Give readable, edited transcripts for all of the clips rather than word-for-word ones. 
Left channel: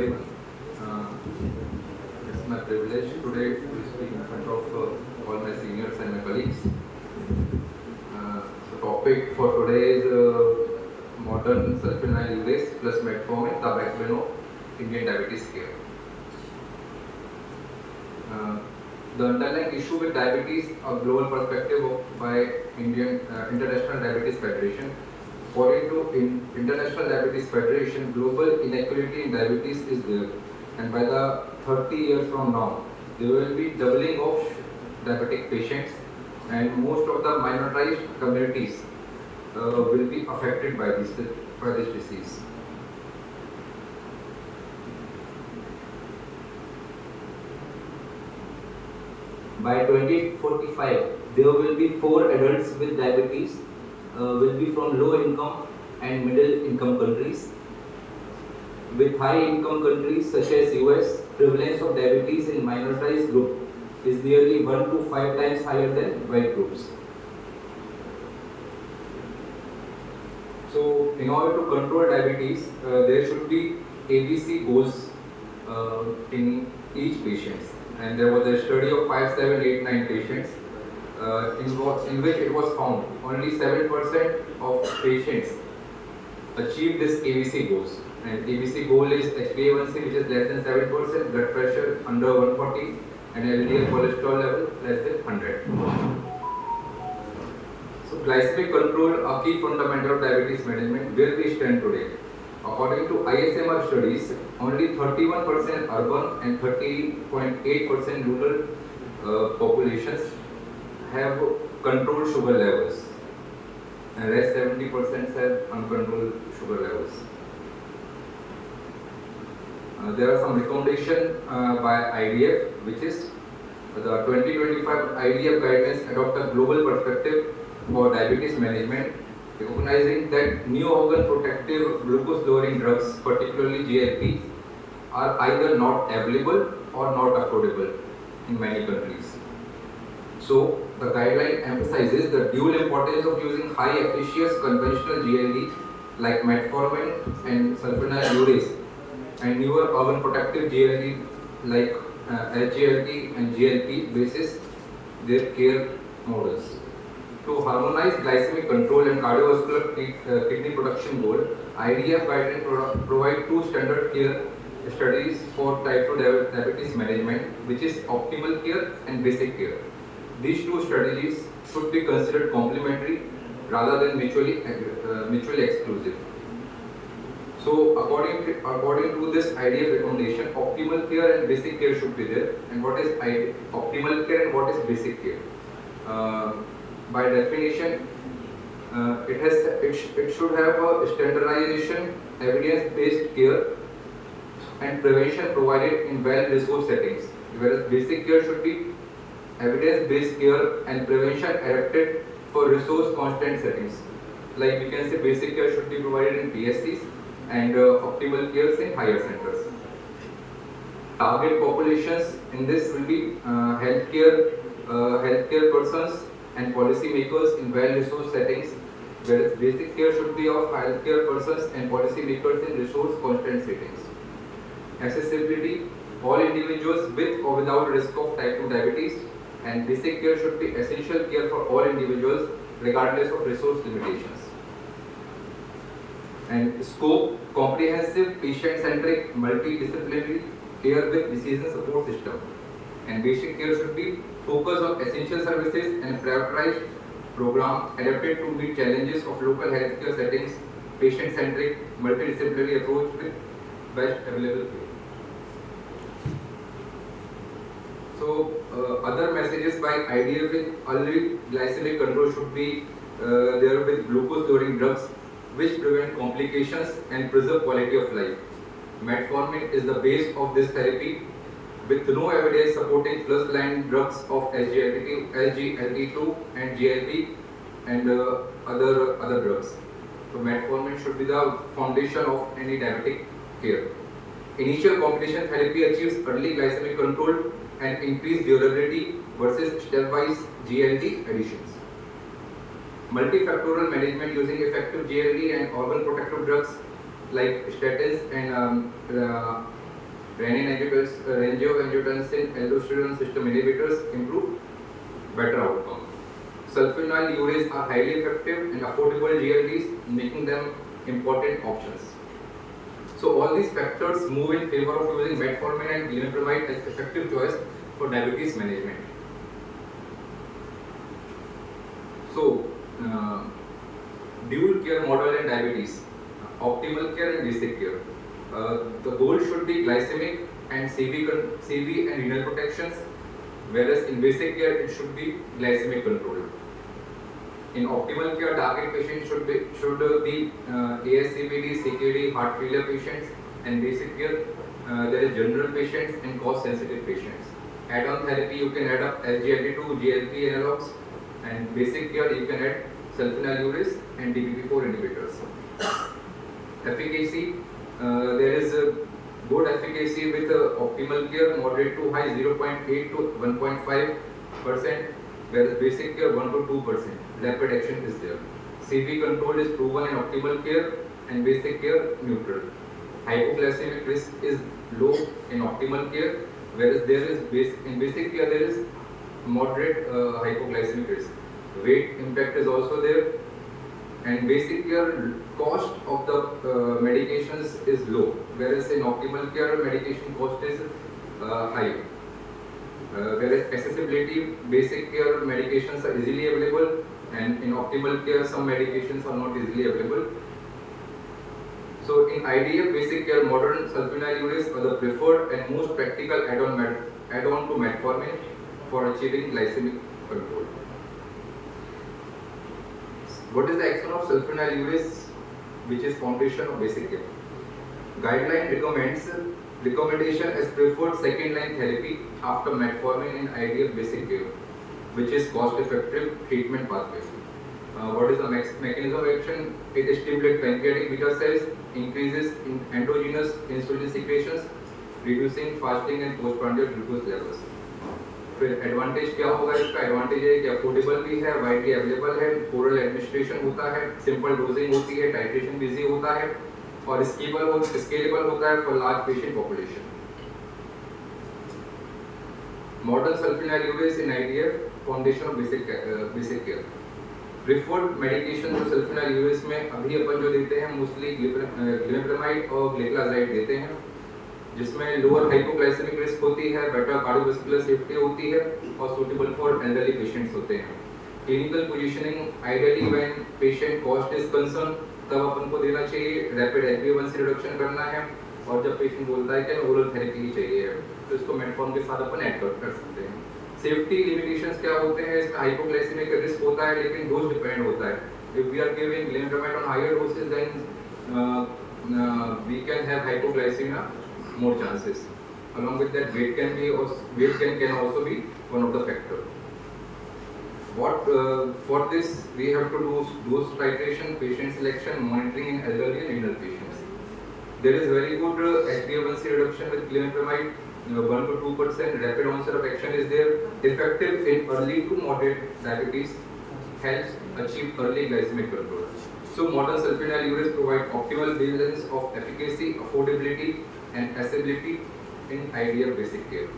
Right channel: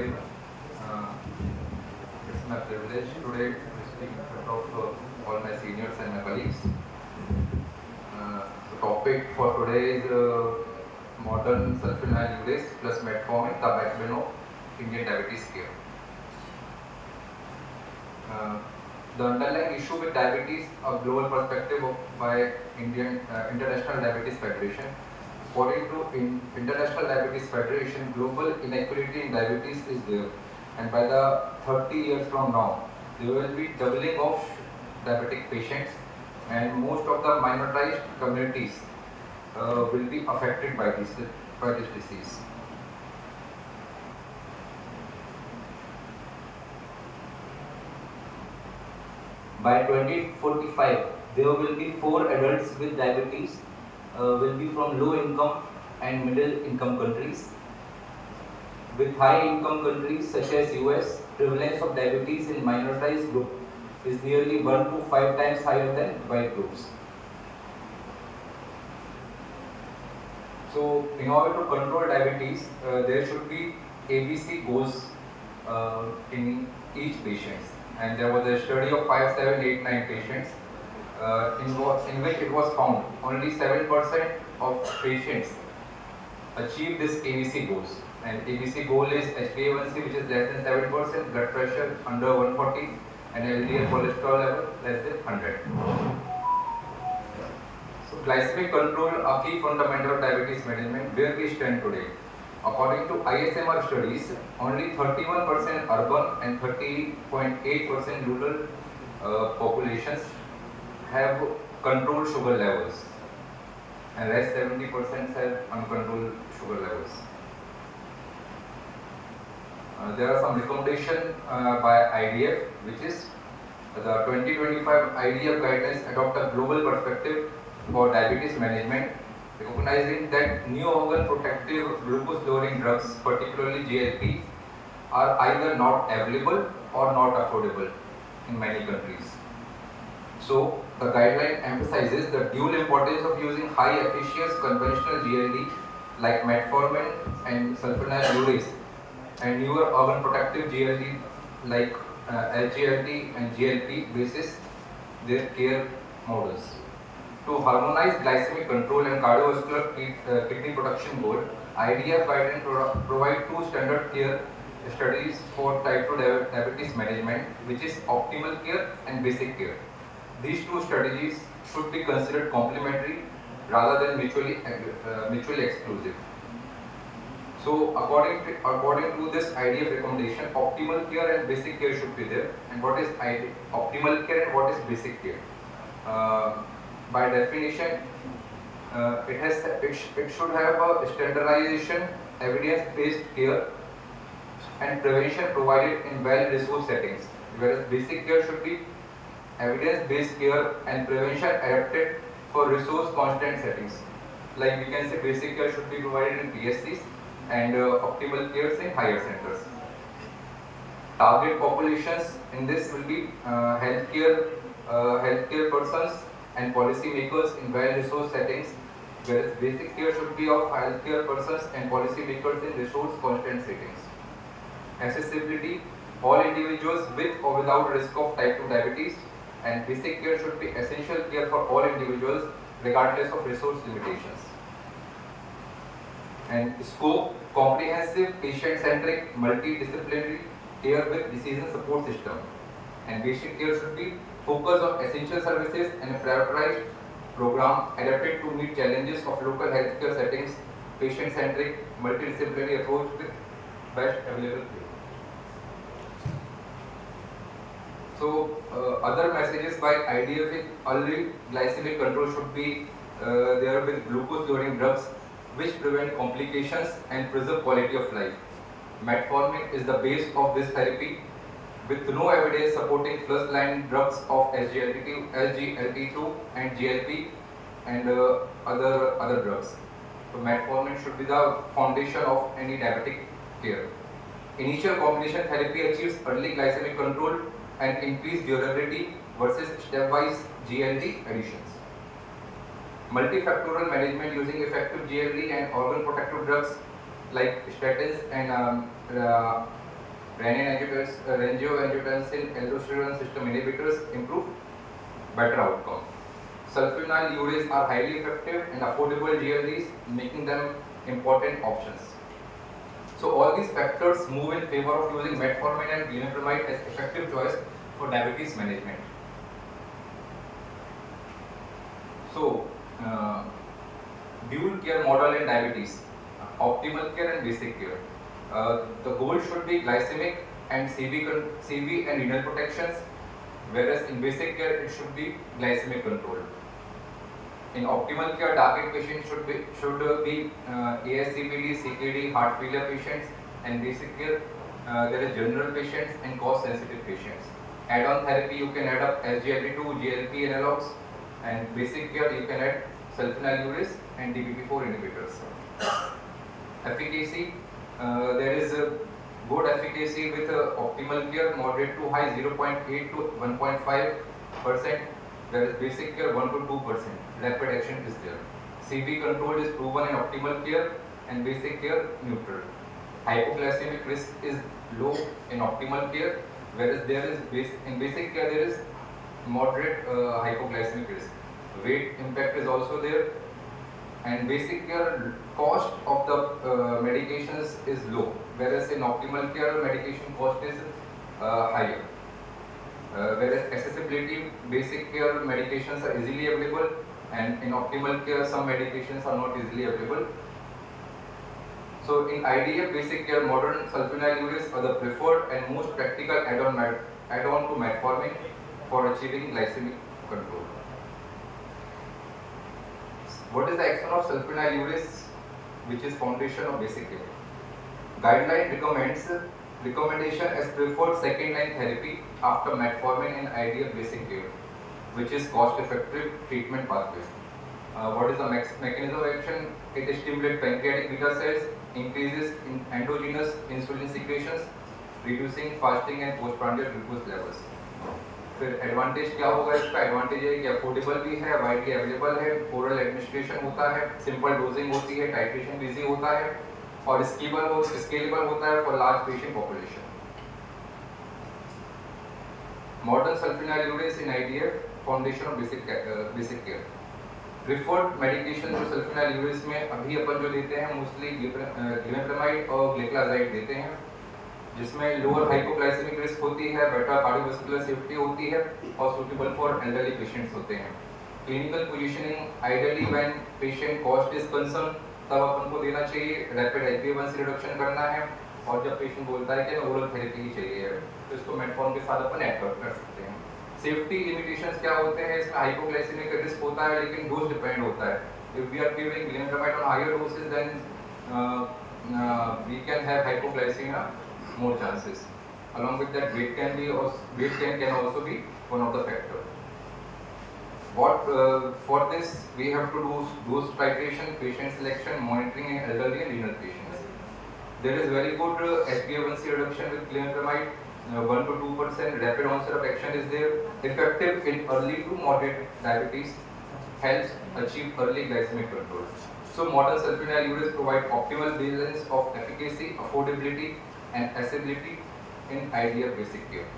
everyone. It's my privilege today to speak in front of all my seniors and my colleagues. The topic for today is modern sulfonyl urate plus metformin, the backbone of Indian diabetes care. The underlying issue with diabetes, a global perspective by International Diabetes Federation. According to International Diabetes Federation, global inequality in diabetes is there, and by the 30 years from now, there will be doubling of diabetic patients, and most of the minoritized communities will be affected by this disease. By 2045, there will be 4 adults with diabetes, will be from low income and middle income countries. With high income countries such as US, prevalence of diabetes in minoritized group is nearly 1 to 5 times higher than white groups. So, in order to control diabetes, there should be ABC goals in each patient. And there was a study of 5, 7, 8, 9 patients in which it was found only 7% of patients achieve this ABC goals. And ABC goal is HbA1c which is less than 7%, blood pressure under 140, and LDL cholesterol level less than 100. So glycemic control, a key fundamental of diabetes management. Where we stand today? According to ISMR studies, only 31% urban and 30.8% rural populations have controlled sugar levels, and rest 70% have uncontrolled sugar levels. There are some recommendations by IDF, which is the 2025 IDF guidelines adopt a global perspective for diabetes management, recognizing that new organ protective glucose lowering drugs, particularly GLP, are either not available or not affordable in many countries. So the guideline emphasizes the dual importance of using high efficacious conventional GLD like metformin and sulfonyl urate, and newer organ protective GLD like SGLT and GLP basis their care models. To harmonize glycemic control and cardiovascular kidney production goal, IDF guidelines provide 2 standard care studies for type 2 diabetes management, which is optimal care and basic care. These 2 strategies should be considered complementary rather than mutually exclusive. So according to this IDF recommendation, optimal care and basic care should be there. And what is optimal care and what is basic care? By definition, it should have a standardization, evidence-based care, and prevention provided in well-resourced settings. Whereas basic care should be evidence-based care and prevention adapted for resource-constrained settings. Like we can say, basic care should be provided in PSCs and optimal care in higher centers. Target populations in this will be healthcare persons and policymakers in well-resourced settings, whereas basic care should be of healthcare persons and policymakers in resource-constrained settings. Accessibility, all individuals with or without risk of type 2 diabetes, and basic care should be essential care for all individuals regardless of resource limitations. And scope, comprehensive, patient-centric, multidisciplinary care with decision support system. And basic care should be focused on essential services and prioritized program adapted to meet challenges of local healthcare settings, patient-centric, multidisciplinary approach with best available care. So other messages by IDF with early glycemic control should be there with glucose lowering drugs which prevent complications and preserve quality of life. Metformin is the base of this therapy with no evidence supporting first-line drugs of SGLT2 and GLP and other drugs. So metformin should be the foundation of any diabetic care. Initial combination therapy achieves early glycemic control and increased durability versus stepwise GLD additions. Multifactorial management using effective GLD and organ protective drugs like statins and Renin-angiotensin aldosterone system inhibitors improve better outcome. Sulfonylureas are highly effective and affordable GLDs, making them important options. So all these factors move in favor of using metformin and glimepiride as effective choice for diabetes management. So, dual care model in diabetes, optimal care and basic care. The goal should be glycemic and CV and renal protections, whereas in basic care it should be glycemic control. In optimal care, target patients should be ASCVD, CKD, heart failure patients, and basic care there is general patients and cost sensitive patients. Add-on therapy you can add up SGLT2, GLP analogs, and basic care you can add sulfonylureas and DPP4 inhibitors. Efficacy, there is a good efficacy with optimal care, moderate to high 0.8 to 1.5%, whereas basic care 1 to 2%. Rapid action is there. CV control is proven in optimal care and basic care neutral. Hypoglycemic risk is low in optimal care, whereas there is in basic care there is moderate hypoglycemic risk. Weight impact is also there, and basic care cost of the medications is low, whereas in optimal care medication cost is higher. Whereas accessibility, basic care medications are easily available, and in optimal care some medications are not easily available. So in IDF basic care, modern sulfonylureas are the preferred and most practical add-on to metformin for achieving glycemic control. What is the action of sulfonylureas, which is foundation of basic care? Guideline recommendation as preferred second-line therapy after metformin in IDF basic care, which is cost-effective treatment pathway. What is the mechanism of action? It stimulates pancreatic beta cells, increases in endogenous insulin secretions, reducing fasting and postprandial glucose levels. फिर advantage क्या होगा इसका? Advantage है कि affordable भी है, widely available है, oral administration होता है, सिंपल डोजिंग होती है, टाइट्रेशन भी इजी होता है और स्केलेबल होता है for large patient population. Modern sulfonylureas in IDF foundation of basic care. Preferred medication जो sulfonylureas में अभी अपन जो देते हैं मोस्टली ग्लिमेप्रामाइड और ग्लिक्लाजाइड देते हैं, जिसमें लोअर हाइपोग्लाइसेमिक रिस्क होती है, बेटर कार्डियोवास्कुलर सेफ्टी होती है और सुटेबल फॉर एल्डरली पेशेंट्स होते हैं. Clinical positioning ideally when patient cost is concern तब अपन को देना चाहिए. रैपिड HbA1c रिडक्शन करना है और जब पेशेंट बोलता है कि ओरल थेरेपी ही चाहिए तो इसको मेटफॉर्म के साथ अपन ऐड कर सकते हैं. सेफ्टी लिमिटेशंस क्या होते हैं? इसमें हाइपोग्लाइसेमिक रिस्क होता है लेकिन डोज डिपेंड होता है. If we are giving glimepiride on higher dosage then we can have hypoglycaemia more chances. Along with that, weight can also be one of the factor. For this we have to do dose titration, patient selection, monitoring in elderly and renal patients. There is very good HbA1c reduction with glimepramide, 1 to 2%. Rapid onset of action is there. Effective in early to moderate diabetes, helps achieve early glycemic control. So modern sulfonylureas provide optimal balance of efficacy, affordability and accessibility in IDF basic care.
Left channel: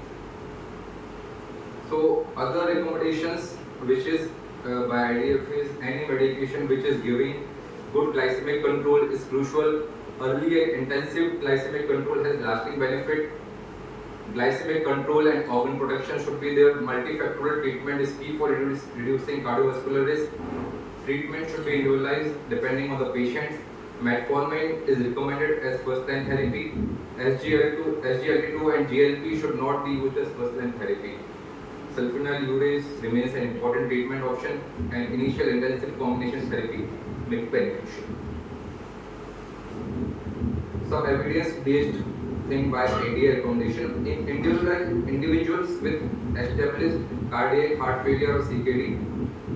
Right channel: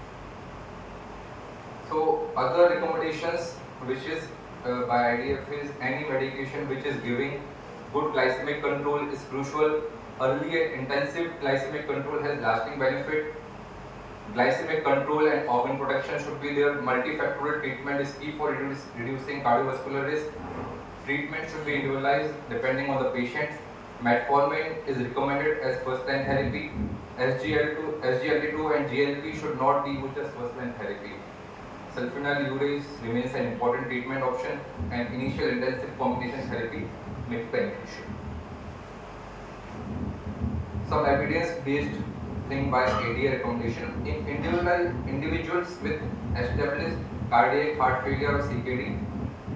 So other recommendations which is by IDF is any medication which is giving good glycemic control is crucial. Early and intensive glycemic control has lasting benefit. Glycemic control and organ protection should be there. Multifactorial treatment is key for reducing cardiovascular risk. Treatment should be individualized depending on the patient. Metformin is recommended as first-line therapy. SGLT2 and GLP should not be used as first-line therapy. Sulfonylureas remains an important treatment option, and initial intensive combination therapy may be beneficial. Some evidence-based thing by ADA recommendation in individuals with established cardiac heart failure or CKD.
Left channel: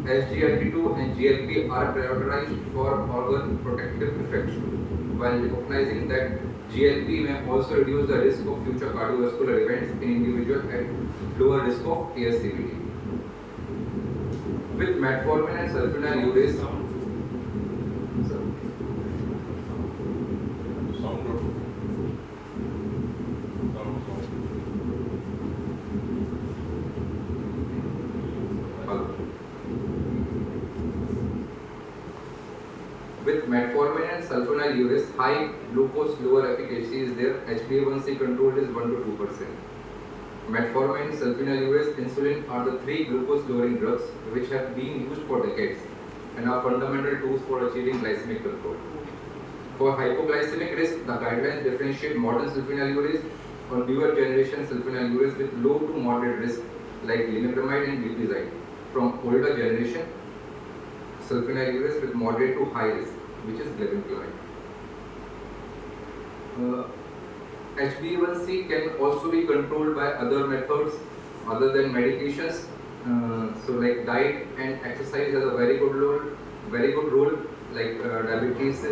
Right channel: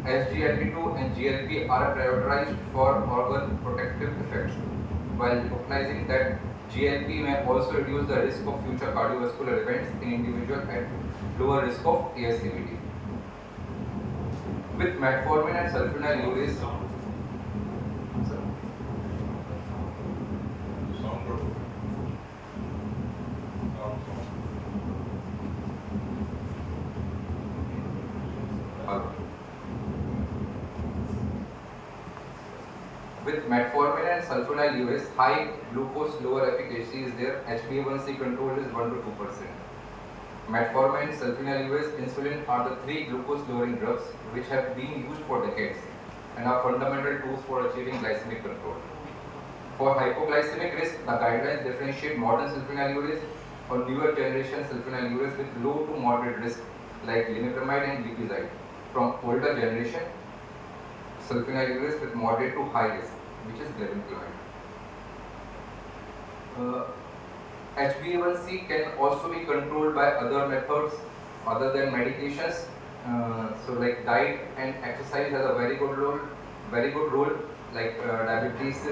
SGLT2 and GLP are prioritized for organ protective effects, while recognizing that GLP may also reduce the risk of future cardiovascular events in individuals at lower risk of ASCVD. With metformin and sulfonylureas, sulfonylureas, high glucose, lower efficacy is there. HbA1c control is 1 to 2%. Metformin, sulfonylureas, insulin are the three glucose-lowering drugs which have been used for decades and are fundamental tools for achieving glycemic control. For hypoglycemic risk, the guidelines differentiate modern sulfonylureas or newer generation sulfonylureas with low to moderate risk like limepramide and glipizide from older generation sulfonylureas with moderate to high risk, which is glibenclamide. HbA1c can also be controlled by other methods other than medications. So like diet and exercise has a very good role. Like diabetes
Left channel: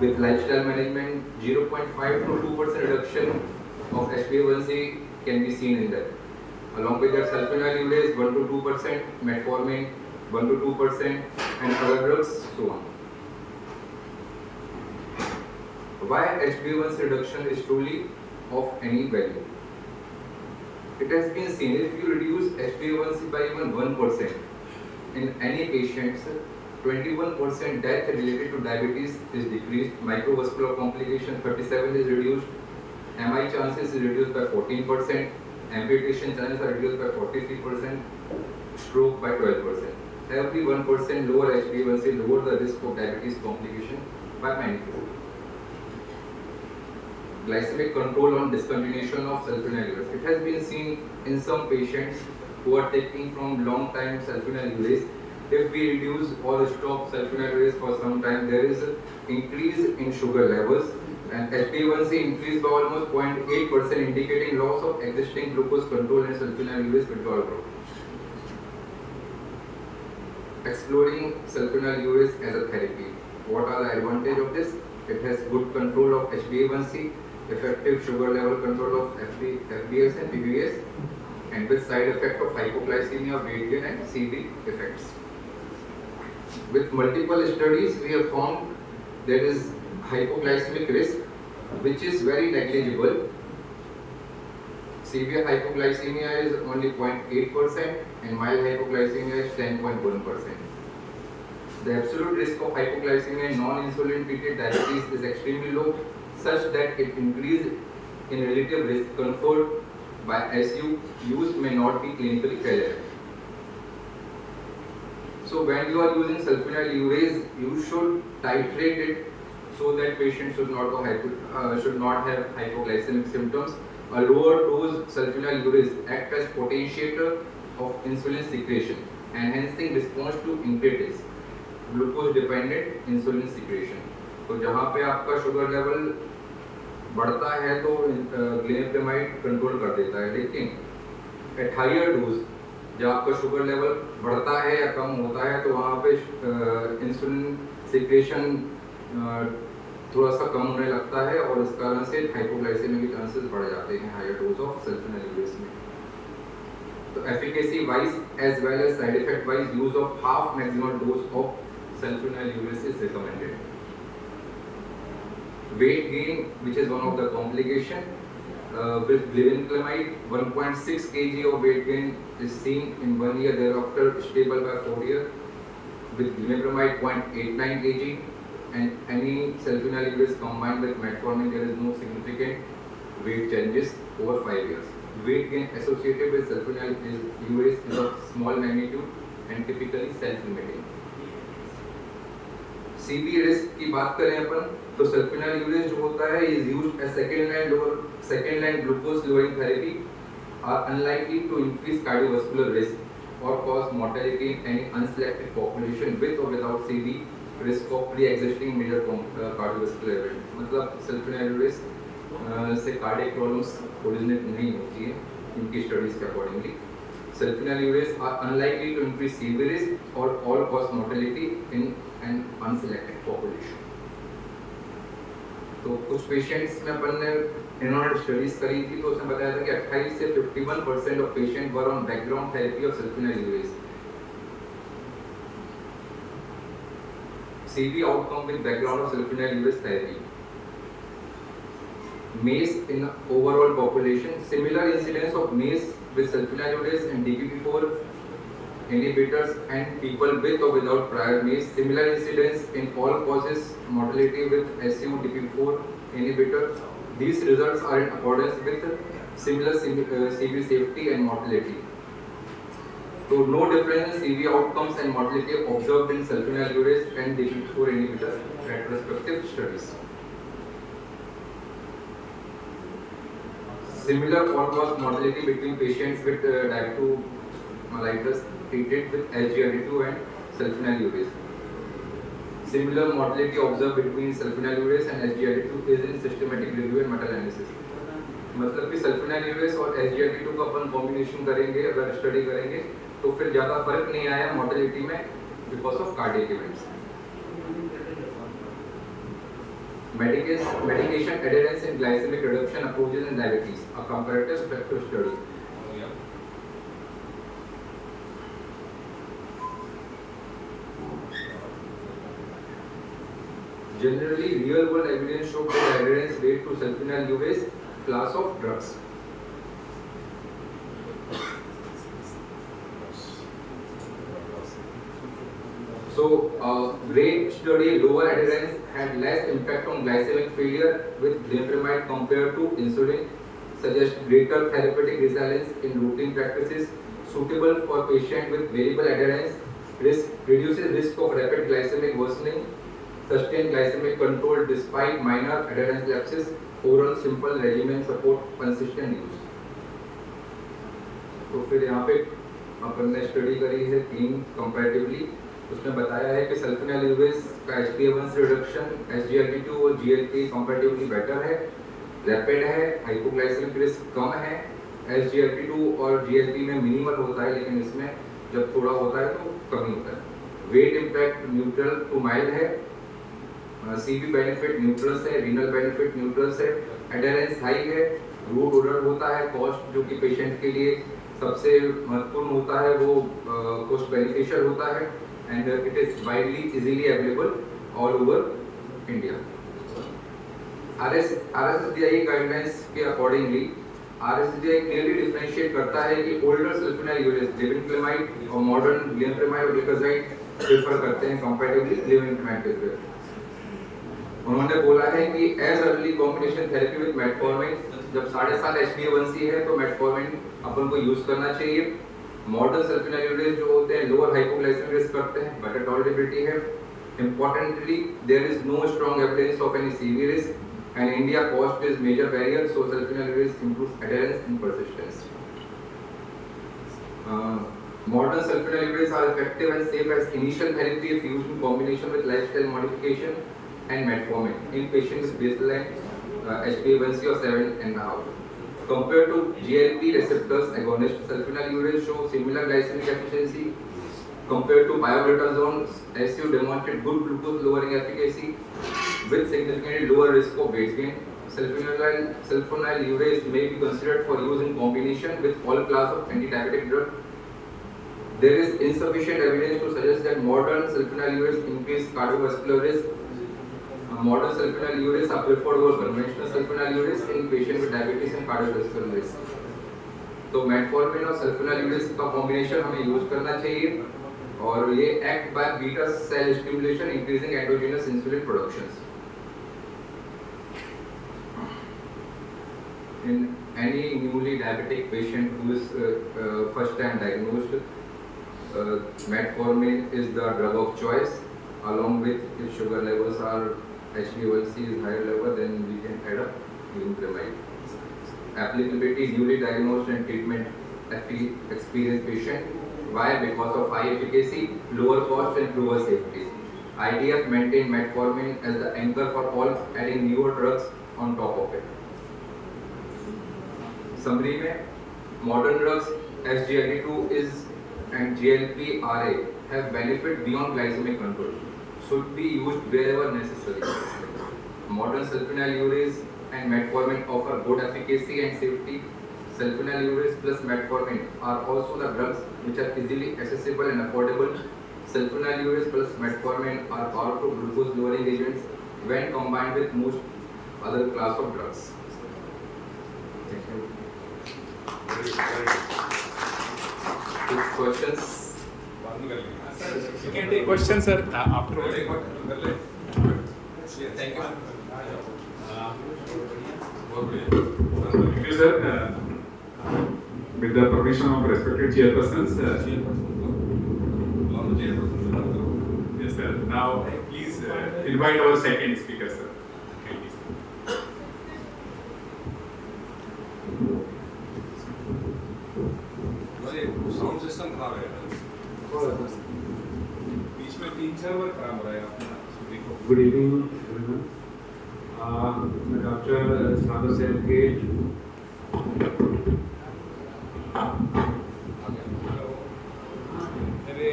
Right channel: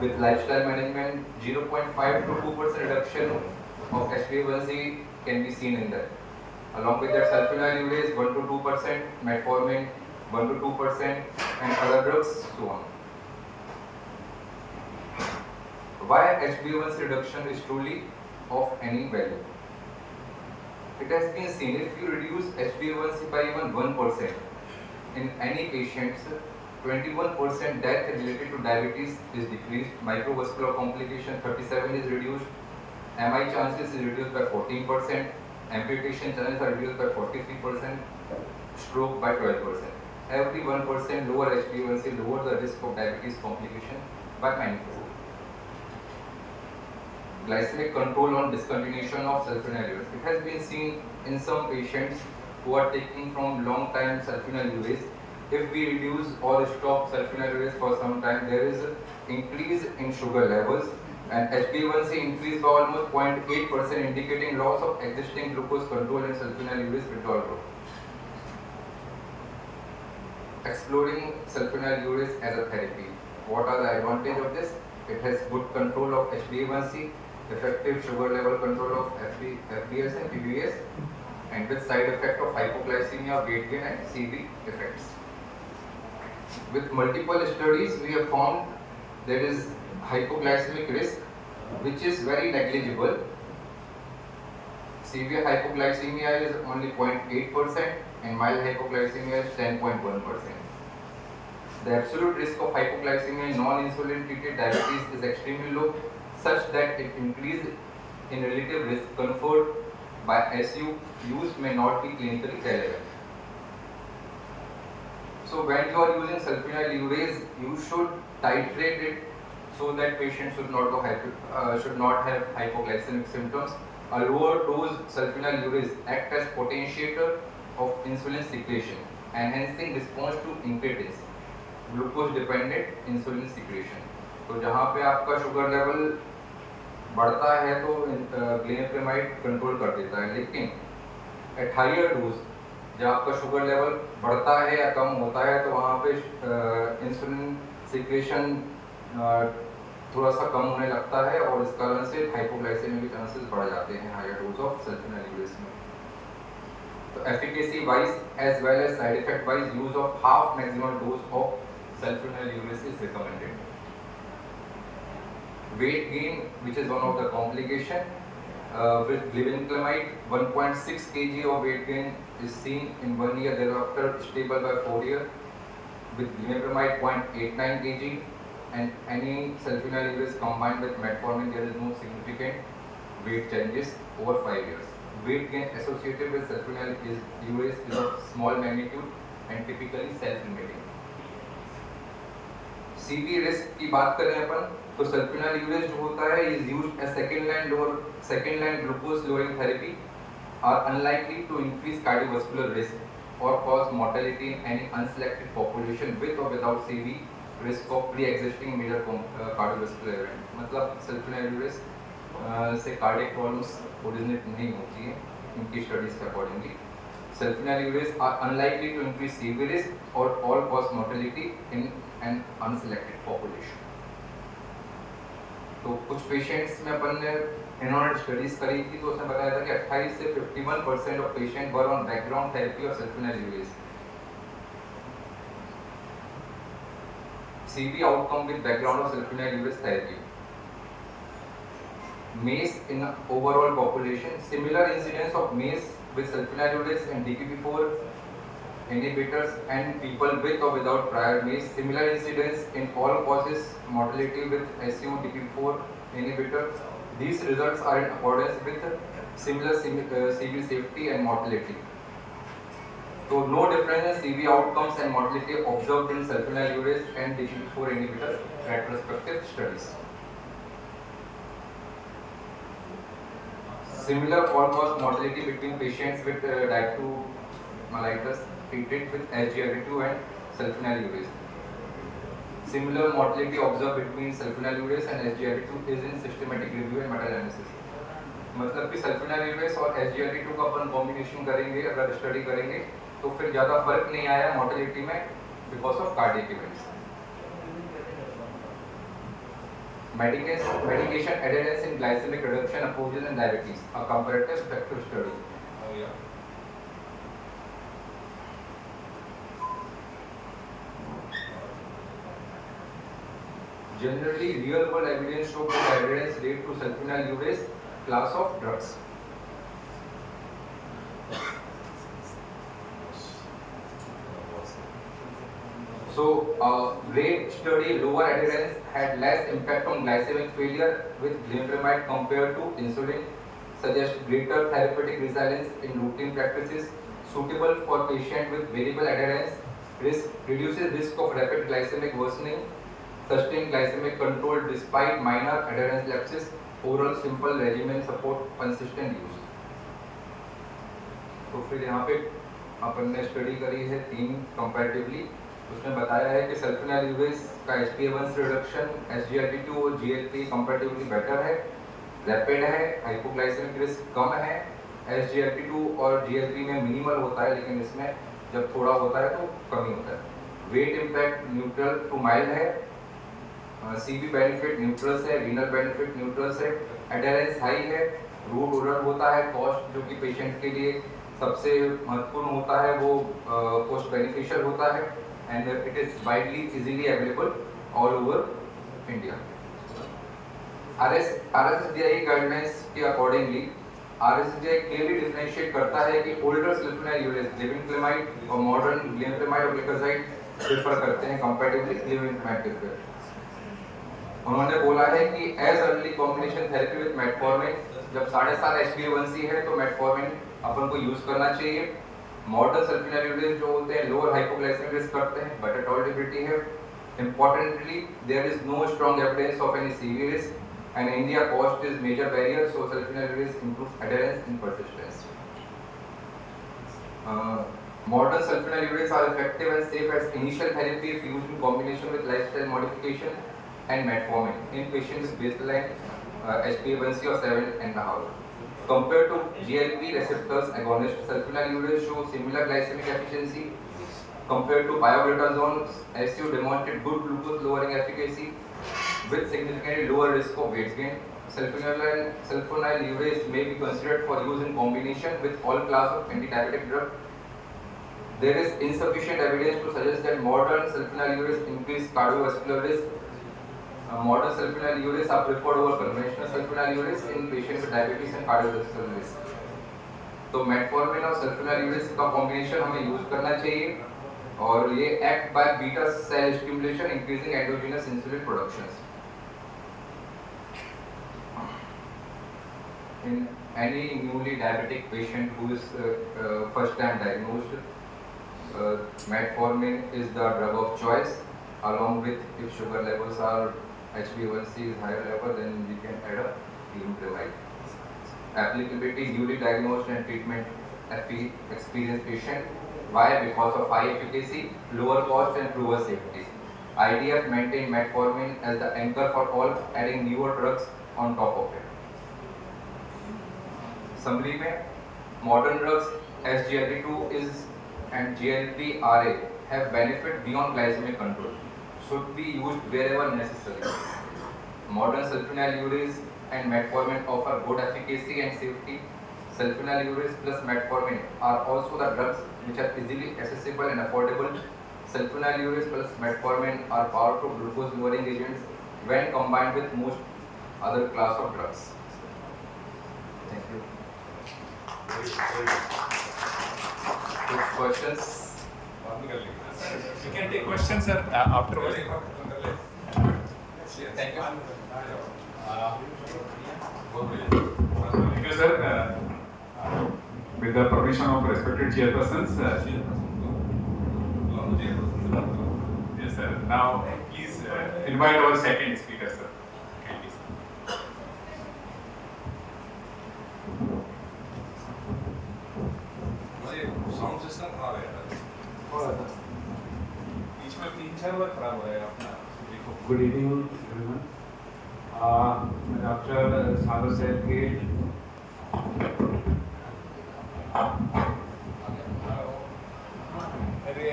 with lifestyle management, 0.5 to 2% reduction of HbA1c can be seen in that. Along with that, sulfonylureas 1 to 2%, metformin 1 to 2%, and other drugs, so on. Why HbA1c reduction is truly of any value? It has been seen if you reduce HbA1c by even 1% in any patients, 21% death related to diabetes is decreased, microvascular complication 37 is reduced, MI chances is reduced by 14%, amputation chances are reduced by 43%, stroke by 12%. Every 1% lower HbA1c lower the risk of diabetes complication by 9%. Glycemic control on discontinuation of sulfonylureas. It has been seen in some patients who are taking from long time sulfonylureas. If we reduce or stop sulfonylureas for some time, there is an increase in sugar levels and HbA1c increased by almost 0.8%, indicating loss of existing glucose control and sulfonylureas withdrawal growth. Exploring sulfonylureas as a therapy. What are the advantages of this? It has good control of HbA1c, effective sugar level control of FBS and PBS, and with side effect of hypoglycemia, weight gain and CV effects. With multiple studies, we have found there is hypoglycemic risk which is very negligible. Severe hypoglycemia is only 0.8% and mild hypoglycemia is 10.1%. The absolute risk of hypoglycemia in non-insulin treated diabetes is extremely low, such that it increase in relative risk conferred by SU use may not be clinically relevant. So when you are using sulfonylureas, you should titrate it so that patient should not have hypoglycemic symptoms. A lower dose sulfonylureas act as potentiator of insulin secretion, enhancing response to incretins, glucose dependent insulin secretion. तो जहाँ पे आपका sugar level बढ़ता है तो ग्लिपेमाइड control कर देता है, लेकिन एट हायर डोज जब आपका शुगर लेवल बढ़ता है या कम होता है तो वहाँ पे इंसुलिन सिक्रेशन थोड़ा सा कम होने लगता है और इस कारण से हाइपोग्लाइसेमिया के चांसेस बढ़ जाते हैं हायर डोज ऑफ सल्फोनाइलुरेस में. तो efficacy wise as well as side effect wise use of half maximal dose of sulfonylureas is recommended. Weight gain, which is one of the complication, with glibenclamide, 1.6 kg of weight gain is seen in 1 year, thereafter stable by 4 years. With limepramide, 0.89 kg, and any sulfonylureas combined with metformin, there is no significant weight changes over 5 years. Weight gain associated with sulfonylureas is of small magnitude and typically self-limiting. CV risk की बात करें अपन तो सल्फोनाइलुरेस जो होता है is used as second line glucose lowering therapy are unlikely to increase cardiovascular risk or cause mortality in any unselected population with or without CV risk of pre-existing major cardiovascular event. मतलब सल्फोनाइलुरेस से cardiac problems originate नहीं होती है उनकी studies के accordingly. Sulfonylureas are unlikely to increase CV risk or all cause mortality in an unselected population. तो कुछ patients में अपन ने इन्होंने स्टडीज करी थी तो उसने बताया था कि 28 से 51% of patient were on background therapy of sulfonylureas. CV outcome with background of sulfonylureas therapy. MACE in overall population, similar incidence of MACE with sulfonylureas and DPP-4 inhibitors and people with or without prior MACE. Similar incidence in all causes mortality with SU-DP4 inhibitor. These results are in accordance with similar CV safety and mortality. So no difference in CV outcomes and mortality observed in sulfonylureas and DP4 inhibitor retrospective studies. Similar all-cause mortality between patients with type 2 mellitus treated with SGLT2 and sulfonylureas. Similar mortality observed between sulfonylureas and SGLT2 is in systematic review and meta-analysis. मतलब कि sulfonylureas और SGLT2 का अपन combination करेंगे, अगर study करेंगे तो फिर ज़्यादा फर्क नहीं आया mortality में because of cardiac events. Medication adherence in glycemic reduction approaches in diabetes, a comparative effective study. Generally, real world evidence show good adherence rate to sulfonylureas class of drugs. So, great study, lower adherence had less impact on glycemic failure with glimepiride compared to insulin, suggests greater therapeutic resilience in routine practices, suitable for patients with variable adherence, reduces risk of rapid glycemic worsening, sustained glycemic control despite minor adherence lapses, oral simple regimen support consistent use. तो फिर यहाँ पे अपन ने study करी है 3 comparatively. उसमें बताया है कि सल्फोनिलुरेस का HbA1c रिडक्शन SGLT2 और GLP कंपैरेटिवली बेटर है, रैपिड है, हाइपोग्लाइसेमिक रिस्क कम है. SGLT2 और GLP में मिनिमल होता है, लेकिन इसमें जब थोड़ा होता है तो कम ही होता है. Weight impact neutral to mild है, CV बेनिफिट न्यूट्रल है, रीनल बेनिफिट न्यूट्रल है, एडहेरेंस हाई है, रूट ओरल होता है, कॉस्ट जो कि पेशेंट के लिए सबसे महत्वपूर्ण होता है वो कॉस्ट बेनिफिशियल होता है, and it is widely easily available all over India. RSGI guidelines के accordingly RSGI clearly differentiate करता है कि older sulfonylureas glibenclamide और modern glibenclamide और glycoside prefer करते हैं comparatively glibenclamide के लिए. उन्होंने बोला है कि as early combination therapy with metformin, जब 7.5 HbA1c है तो metformin अपन को यूज करना चाहिए. मॉडर्न सल्फोनिलुरेस जो होते हैं लोअर हाइपोग्लाइसेमिक रिस्क करते हैं, बेटर टॉलरेबिलिटी है. Importantly there is no strong evidence of any severe risk and India cost is major barrier, so sulfonylureas improve adherence and persistence. Modern sulfonylureas are effective and safe as initial therapy if used in combination with lifestyle modification and metformin in patients with baseline HbA1c of 7.5. Compared to GLP receptors agonist, sulfonylureas show similar glycemic efficiency. Compared to pioglitazone, SU demonstrated good glucose lowering efficacy with significantly lower risk of weight gain. Sulfonylureas may be considered for use in combination with all class of anti-diabetic drugs. There is insufficient evidence to suggest that modern sulfonylureas increase cardiovascular risk. Modern sulfonylureas are preferred over conventional sulfonylureas in patients with diabetes and cardiovascular risk. तो metformin और sulfonylureas का combination हमें use करना चाहिए और ये act by beta cell stimulation increasing endogenous insulin production. In any newly diabetic patient who is first time diagnosed, metformin is the drug of choice. Along with if sugar levels are HbA1c is higher level, then we can add a glibenclamide. Applicability newly diagnosed and treatment experienced patient. Why? Because of high efficacy, lower cost and lower safety. IDF maintain metformin as the anchor for all, adding newer drugs on top of it. Summary में modern drugs SGLT2 is and GLP-RA have benefit beyond glycemic control. Should be used wherever necessary. Modern sulfonylureas and metformin offer good efficacy and safety. Sulfonylureas plus metformin are also the drugs which are easily accessible and affordable. Sulfonylureas plus metformin are powerful glucose lowering agents when combined with most other class of drugs. Thank you. Questions? You can take questions, sir, after. Thank you. Thank you, sir. With the permission of respected chairpersons. Yes, sir. Now, please invite our second speaker, sir. Kindly, sir. Sound system खराब है यार बीच में 3-4 बार खराब हो रहा है अपना देखो. Good evening, everyone. The doctor Sadhu said that अरे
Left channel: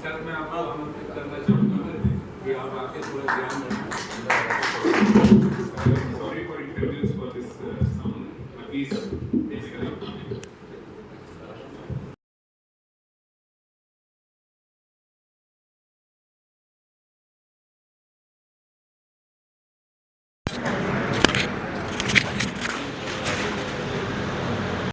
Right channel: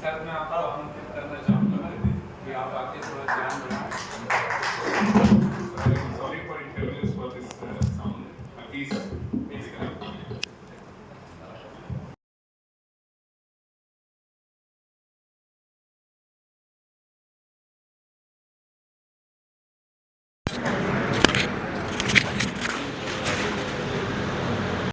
सर मैं आपको आमंत्रित करना चाहूँगा कि आप आके थोड़ा ध्यान बनाएं. Sorry for inconvenience for this sound. Please